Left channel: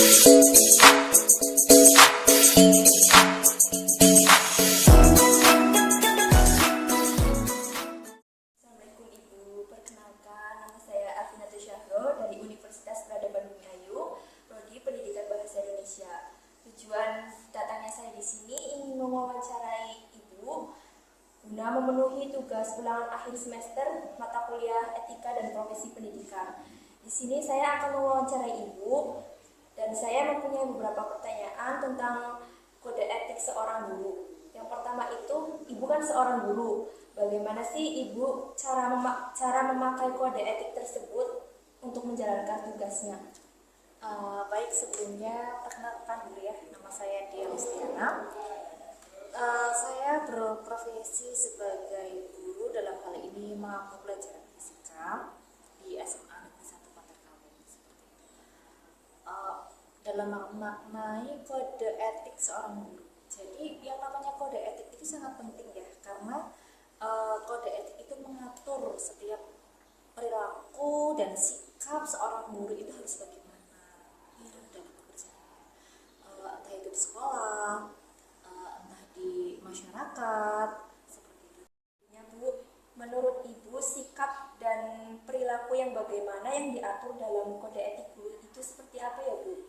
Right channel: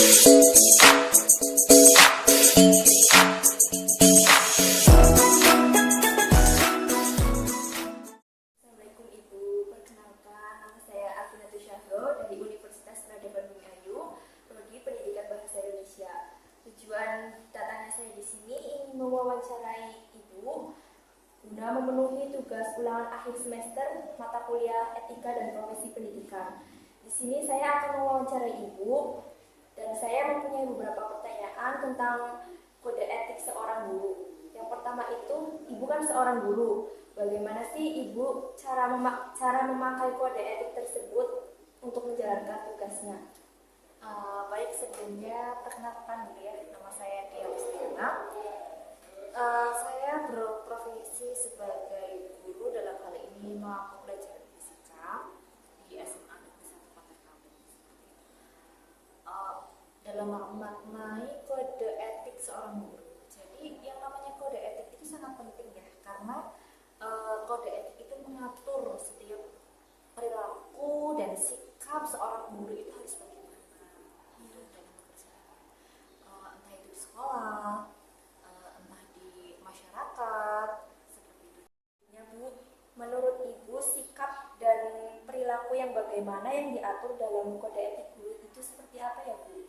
Assalamualaikum Ibu, perkenalkan nama saya Alvina Syahro dari Universitas Peradaban Bumi Ayu, Prodi Pendidikan Bahasa Indonesia. Tujuan datangnya saya di sini ingin mewawancarai Ibu guna memenuhi tugas ulangan akhir semester mata kuliah Etika dan Profesi Pendidikan. Di sini saya akan mewawancarai Ibu dan saya mempunyai beberapa pertanyaan tentang kode etik seorang guru. Yang pertama itu, Ibu kan seorang guru. Bagaimana sih Ibu cara memakai kode etik tersebut untuk menjalankan tugasnya? Baik, sebelumnya perkenalkan dulu ya, nama saya Dia Mustiana. Saya berprofesi sebagai guru, dalam hal ini mata pelajaran fisika di SMA Negeri 1 Bantar Kaung. Seperti itu. Dalam memaknai kode etik seorang guru. Jadi yang namanya kode etik itu sangat penting ya, karena kode etik itu mengatur setiap perilaku dan sikap seorang guru itu harus bagaimana ya, dalam pekerjaannya, entah itu di sekolah, entah di masyarakat, seperti itu. Ya Bu, menurut Ibu sikap dan perilaku yang bagaimana yang diatur dalam kode etik guru itu seperti apa ya Bu?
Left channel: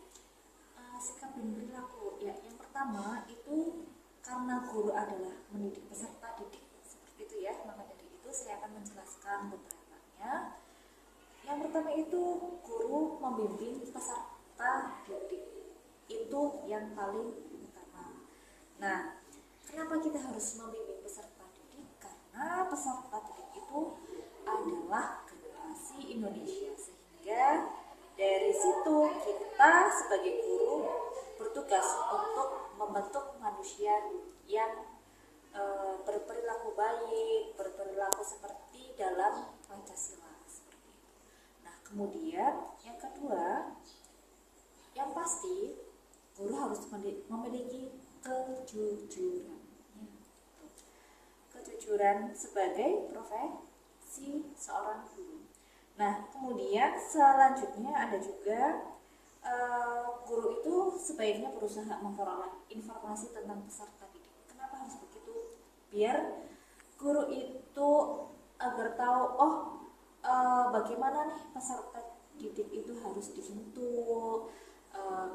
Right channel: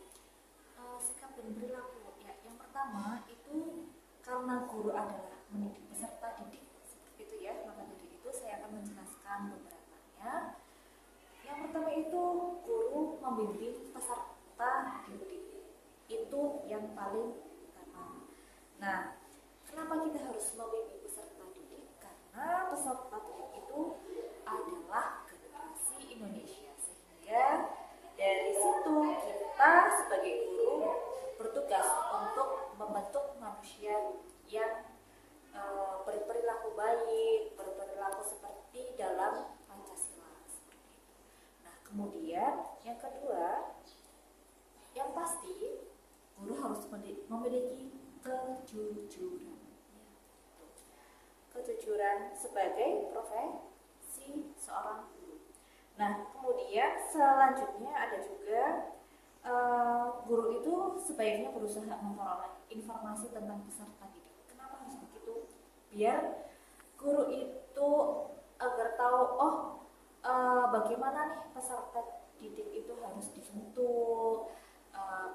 Sikap dan perilaku ya, yang pertama itu karena guru adalah mendidik peserta didik, seperti itu ya, maka dari itu saya akan menjelaskan beberapanya. Yang pertama itu guru membimbing peserta didik, itu yang paling utama. Nah, kenapa kita harus membimbing peserta didik? Karena peserta didik itu adalah generasi Indonesia, sehingga dari situ kita sebagai guru bertugas untuk membentuk manusia yang berperilaku baik, berperilaku seperti dalam Pancasila, seperti itu. Nah, kemudian yang kedua, yang pasti guru harus memiliki kejujuran. Kejujuran sebagai profesi seorang guru. Nah, kemudian selanjutnya ada juga guru itu sebaiknya berusaha memperoleh informasi tentang peserta didik. Kenapa harus begitu? Biar guru itu agar tahu, bagaimana nih peserta didik itu harus dibentuk,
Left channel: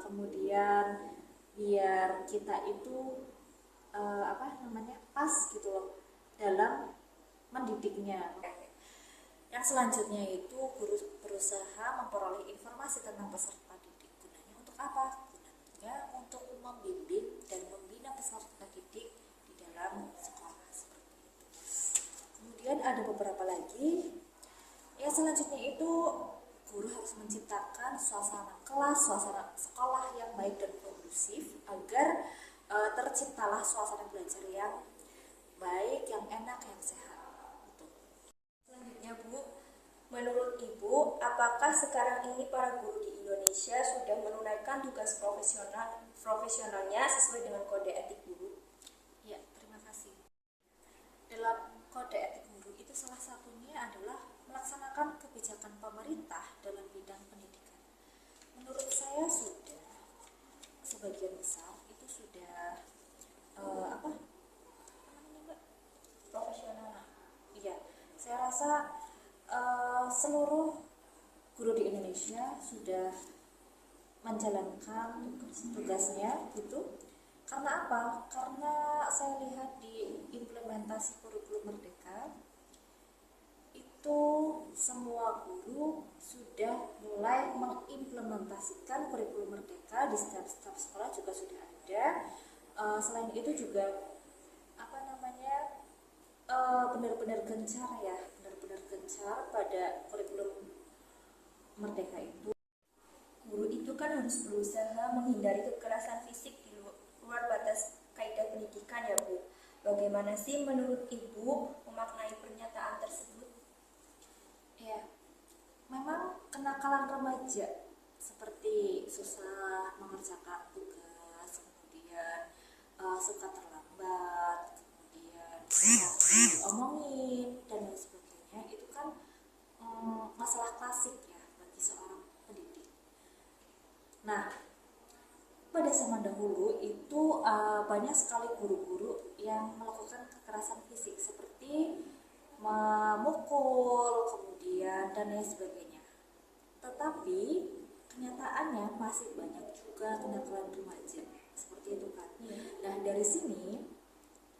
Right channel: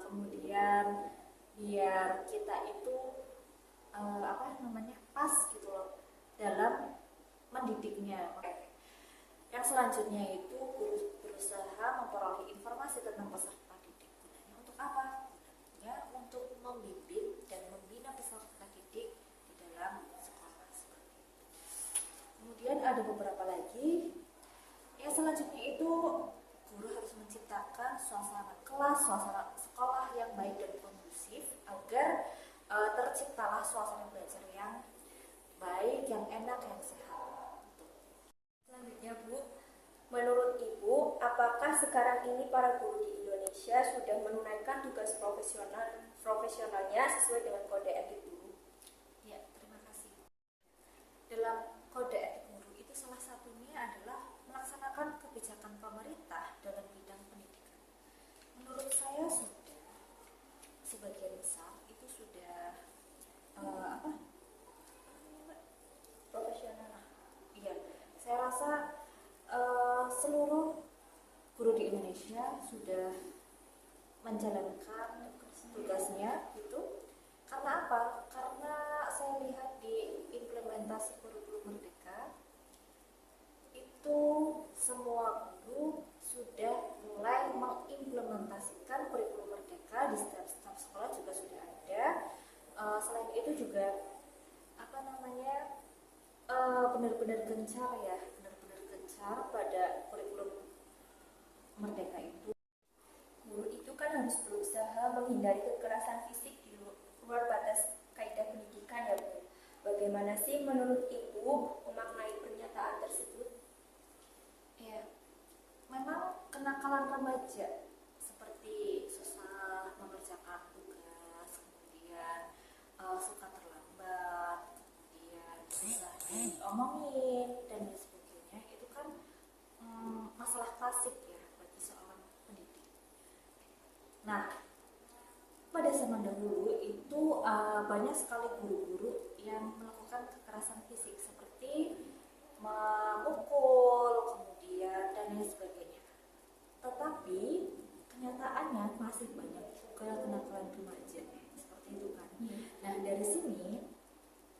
kemudian biar kita itu pas gitu loh dalam mendidiknya. Yang selanjutnya itu guru berusaha memperoleh informasi tentang peserta didik. Gunanya untuk apa? Gunanya untuk membimbing dan membina peserta didik di dalam sekolah, seperti itu. Kemudian ada beberapa lagi. Yang selanjutnya itu guru harus menciptakan suasana kelas, suasana sekolah yang baik dan kondusif agar terciptalah suasana belajar yang baik, yang enak, yang sehat. Selanjutnya Bu, menurut Ibu, apakah sekarang ini para guru di Indonesia sudah menunaikan tugas profesionalnya sesuai dengan kode etik guru? Ya, terima kasih. Dalam kode etik guru itu salah satunya adalah melaksanakan kebijakan pemerintah dalam bidang pendidikan. Menurut saya sudah sebagian besar itu sudah Profesional. Iya, saya rasa seluruh guru di Indonesia sudah menjalankan tugasnya gitu. Karena apa? Karena saya lihat di implementasi kurikulum Merdeka itu semua guru sudah mulai mengimplementasikan kurikulum Merdeka di setiap sekolah juga sudah ada. Selain itu juga benar-benar gencar pada kurikulum Merdeka itu. Guru itu kan harus berusaha menghindari kekerasan fisik di luar batas kaidah pendidikan ya Bu. Bagaimana sih menurut Ibu memaknai pernyataan tersebut? Ya, memang kenakalan remaja seperti susah mengerjakan tugas, kemudian suka terlambat, kemudian diomongin dan lain sebagainya, itu kan masalah klasik ya bagi seorang pendidik. Nah, pada zaman dahulu itu banyak sekali guru-guru yang melakukan kekerasan fisik seperti memukul, kemudian dan lain sebagainya. Tetapi kenyataannya masih banyak juga kenakalan remaja seperti itu kan. Nah, dari sini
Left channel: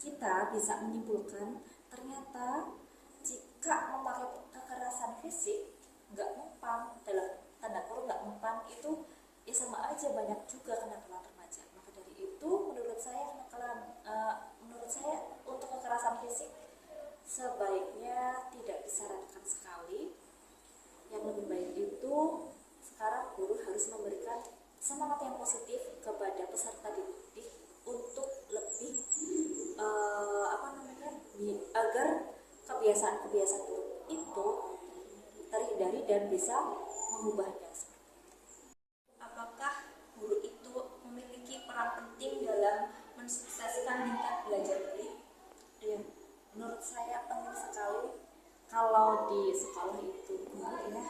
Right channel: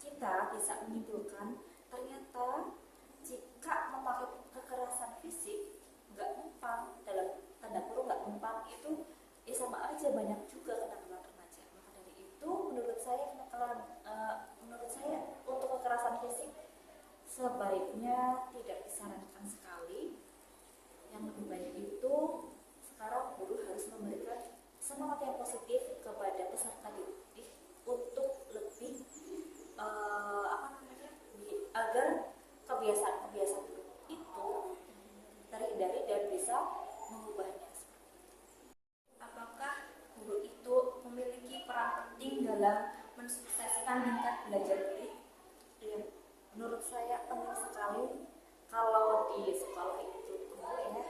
kita bisa menyimpulkan ternyata jika memakai kekerasan fisik nggak mempan, dalam tanda kurung nggak mempan, itu ya sama aja banyak juga kenakalan remaja. Maka dari itu menurut saya untuk kekerasan fisik sebaiknya tidak disarankan sekali. Yang lebih baik itu sekarang guru harus memberikan semangat yang positif kepada peserta didik untuk lebih agar kebiasaan-kebiasaan buruk itu terhindari dan bisa mengubahnya. Apakah guru itu memiliki peran penting dalam mensukseskan tingkat belajar murid? Ya, menurut saya penting sekali kalau di sekolah itu guru ya,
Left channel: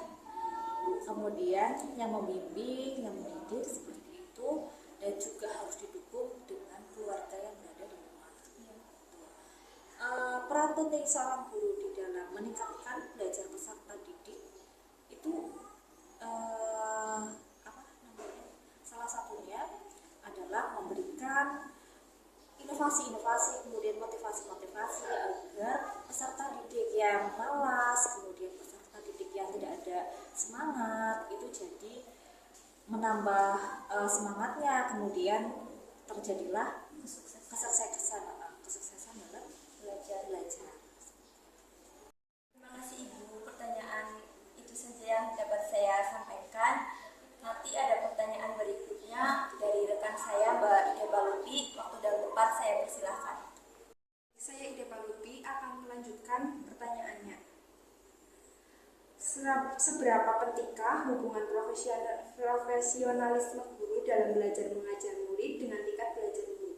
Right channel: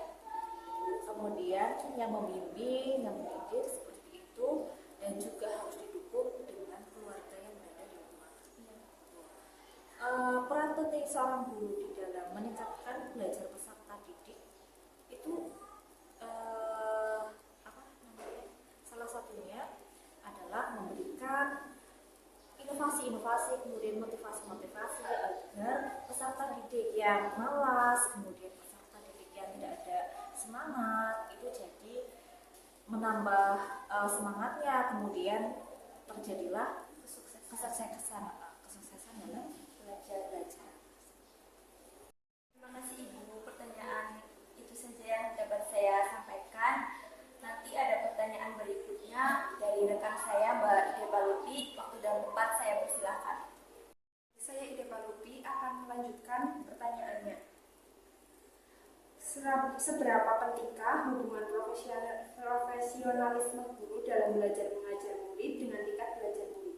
kemudian yang membimbing, yang mendidik seperti itu, dan juga harus didukung dengan keluarga yang berada di rumah. Peran penting seorang guru di dalam meningkatkan belajar peserta didik itu salah satunya adalah memberikan inovasi-inovasi, kemudian motivasi-motivasi agar peserta didik yang malas, kemudian peserta didik yang tidak ada semangat itu jadi menambah semangatnya, kemudian terjadilah kesuksesan dalam belajar. Terima kasih Ibu, pertanyaan itu saja yang dapat saya sampaikan. Nanti ada pertanyaan berikutnya dari rekan saya Mbak Ide Palupi. Waktu dan tempat saya persilahkan. Saya Ide Palupi akan melanjutkan pertanyaannya. Seberapa pentingkah hubungan profesionalisme guru dalam belajar mengajar murid dengan tingkat belajar murid?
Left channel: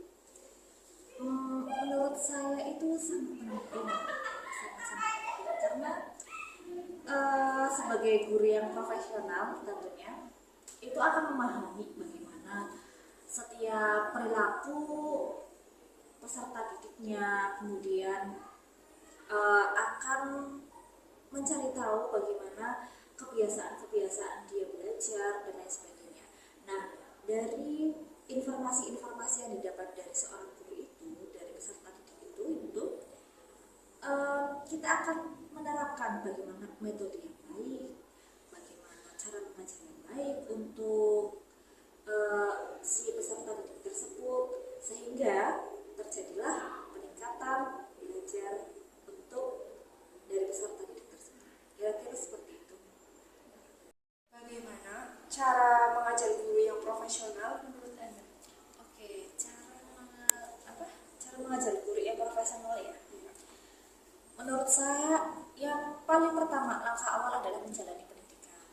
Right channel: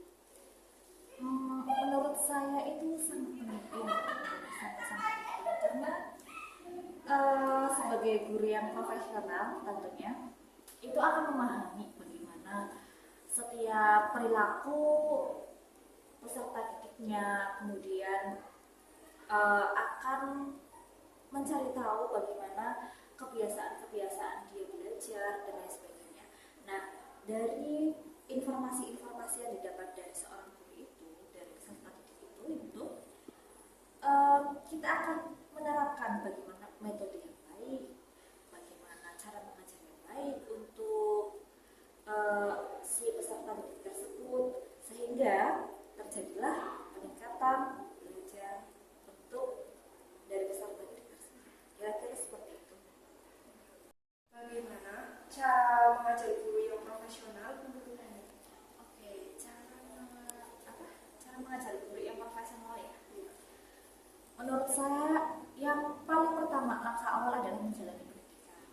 Menurut saya itu sangat penting karena sebagai guru yang profesional tentunya itu akan memahami bagaimana setiap perilaku peserta didiknya, kemudian akan mencari tahu bagaimana kebiasaan-kebiasaan dia belajar dan lain sebagainya. Nah, dari informasi-informasi yang didapat dari seorang guru itu, dari peserta didik itu kita akan menerapkan bagaimana metode yang baik, bagaimana cara mengajar yang baik untuk si peserta didik tersebut, sehingga terjadilah peningkatan belajar bentuk dari peserta didik tersebut. Kira-kira seperti itu. Bagaimana cara mengajar guru yang profesional menurut Anda? Oke, cara mengajar guru yang profesional ya. Menurut saya yang paling pertama, langkah awal adalah menjalani pendidikan,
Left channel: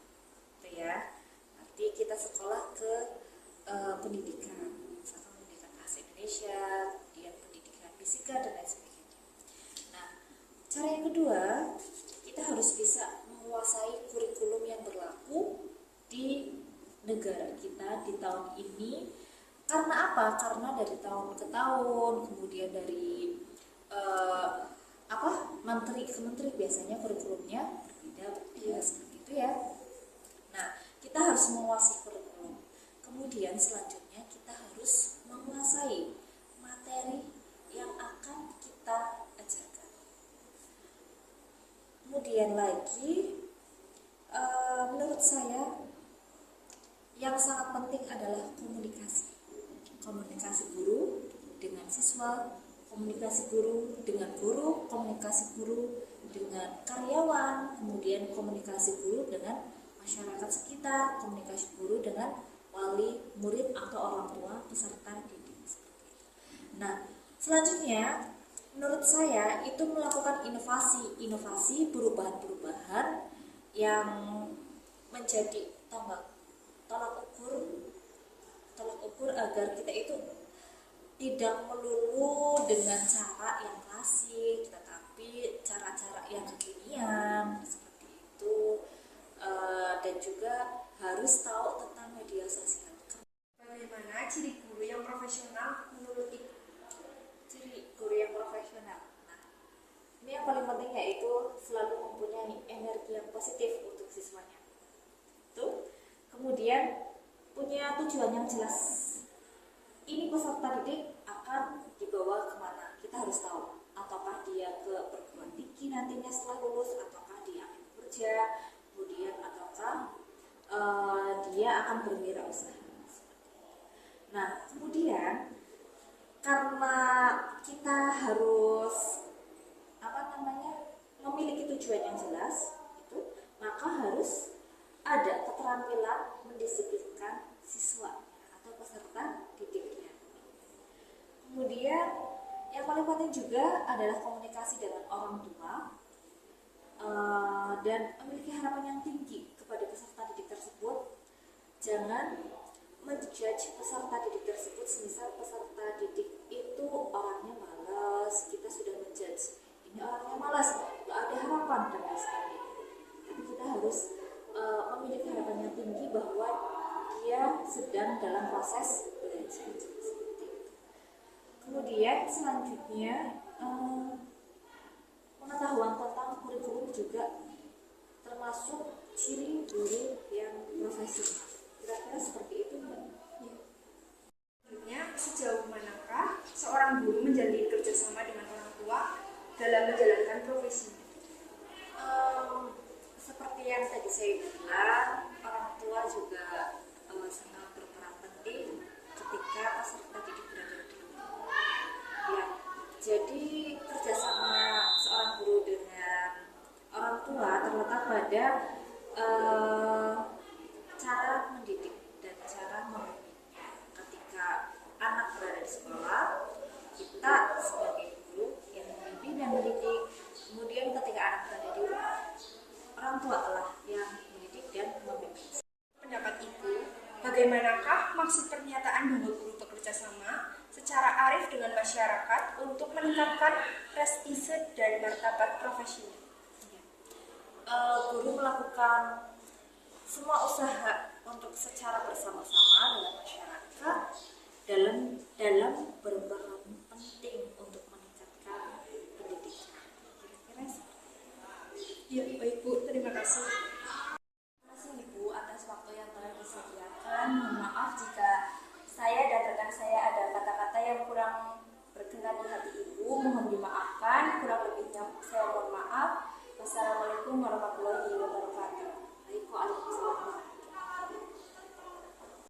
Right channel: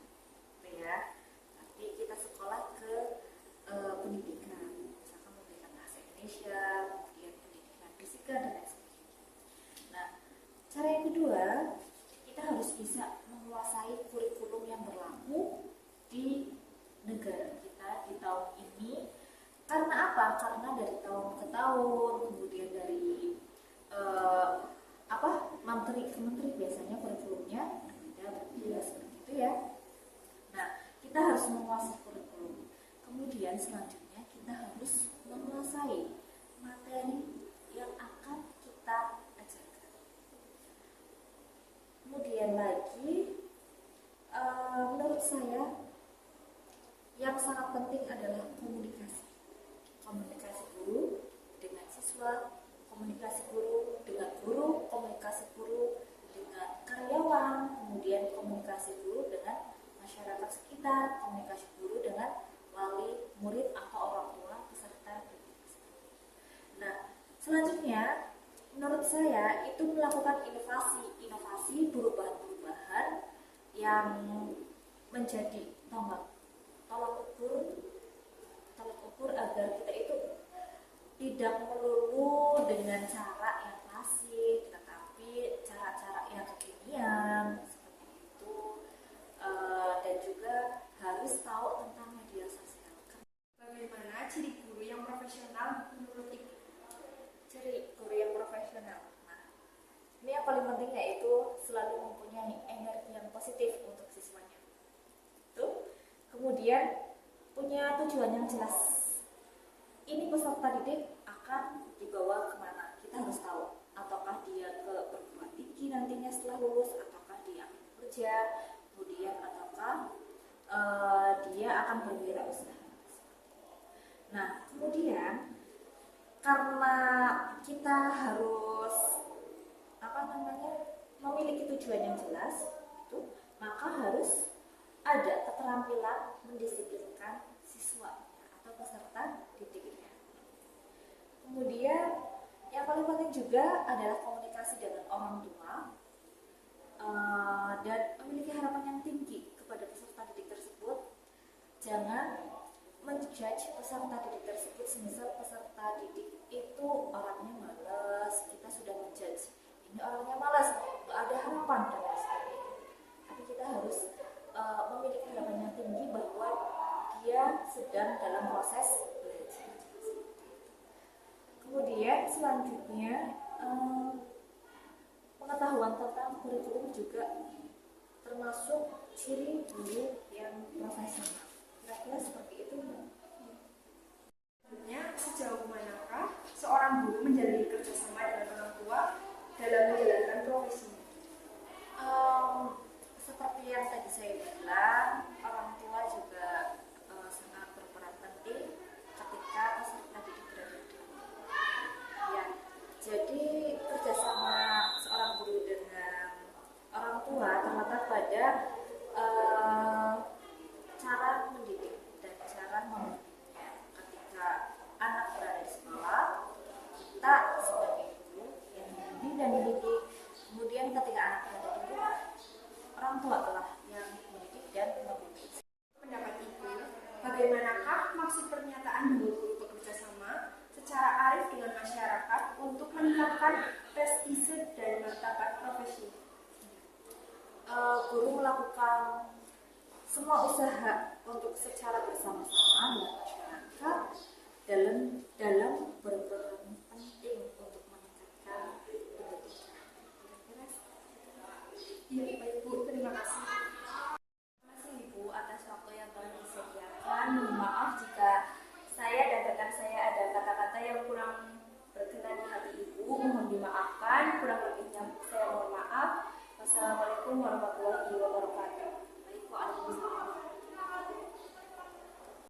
gitu ya. Nanti kita sekolah ke pendidikan, misalkan pendidikan bahasa Indonesia, kemudian pendidikan fisika dan lain sebagainya. Nah, cara yang kedua, kita harus bisa menguasai kurikulum yang berlaku di negara kita di tahun ini. Karena apa? Karena dari tahun ke tahun, kemudian dari menteri ke menteri biasanya kurikulumnya berbeda seperti itu ya. Nah, kita harus menguasai kurikulum. Kemudian selanjutnya kita harus menguasai materi yang akan kita ajarkan. Kemudian lagi, menurut saya yang sangat penting adalah komunikasi. Komunikasi guru dengan siswa, komunikasi guru dengan guru, komunikasi guru dengan karyawan, kemudian komunikasi guru dengan masyarakat sekitar, komunikasi guru dengan wali, murid atau orang tua peserta didik. Nah, selanjutnya menurut saya itu melakukan inovasi perubahan-perubahan yang menjadi tolak ukur agar kita itu tidak melulu dengan cara yang klasik, tetapi cara-cara yang kekinian seperti itu, dan juga harus tahu tentang media sosial. Bagaimana ciri guru yang profesional menurut Ibu? Ciri guru yang profesional. Nah, ini yang paling penting yaitu selalu mempunyai energi yang positif untuk siswanya. Tuh. Kemudian punya tujuan yang jelas. Ini peserta didik akan dibawa kemana? Kita harus tahu. Ataukah dia ke perguruan tinggi nantinya setelah lulus, ataukah dia akan bekerja, kemudian ataukah dia akan berwirausaha. Nah, kemudian karena kita harus memiliki tujuan yang jelas, itu maka harus ada keterampilan mendisiplinkan siswa atau peserta didiknya. Kemudian yang paling penting juga adalah komunikasi dengan orang tua dan memiliki harapan yang tinggi kepada peserta didik tersebut. Jangan menjudge peserta didik tersebut, semisal peserta didik itu orangnya malas, kita sudah menjudge ini orangnya malas, gak ada harapan dan lain sebagainya. Tapi kita harus memiliki harapan yang tinggi bahwa dia sedang dalam proses belajar seperti itu. Kemudian selanjutnya pengetahuan tentang kurikulum juga termasuk ciri guru yang profesional. Kira-kira seperti itu, Mbak. Selanjutnya, sejauh manakah seorang guru menjalin kerjasama dengan orang tua dalam menjalankan profesinya? Seperti yang tadi saya bilang, orang tua juga sangat berperan penting ketika peserta didik berada di rumah. Ya, jadi kerjasama seorang guru dengan orang tua terletak pada cara mendidik dan cara membimbingnya. Ketika anak berada di sekolah, kita sebagai guru yang membimbing dan mendidik. Kemudian ketika anak berada di rumah, orang tua telah yang mendidik dan membimbing. Pendapat Ibu, bagaimanakah maksud pernyataan bahwa guru bekerja sama secara arif dengan masyarakat untuk meningkatkan prestise dan martabat profesinya? Guru melakukan semua usaha untuk secara bersama-sama dengan masyarakat dalam berperan penting untuk meningkatkan pendidikan. Kira-kira Ya, baik Bu, terima kasih. Terima kasih Ibu atas waktu yang telah disediakan. Mohon maaf jika saya dan rekan saya ada kata-kata yang kurang berkenan di hati Ibu. Mohon dimaafkan. Kurang lebihnya saya mohon maaf. Wassalamualaikum warahmatullahi wabarakatuh. Baik, Waalaikumsalam.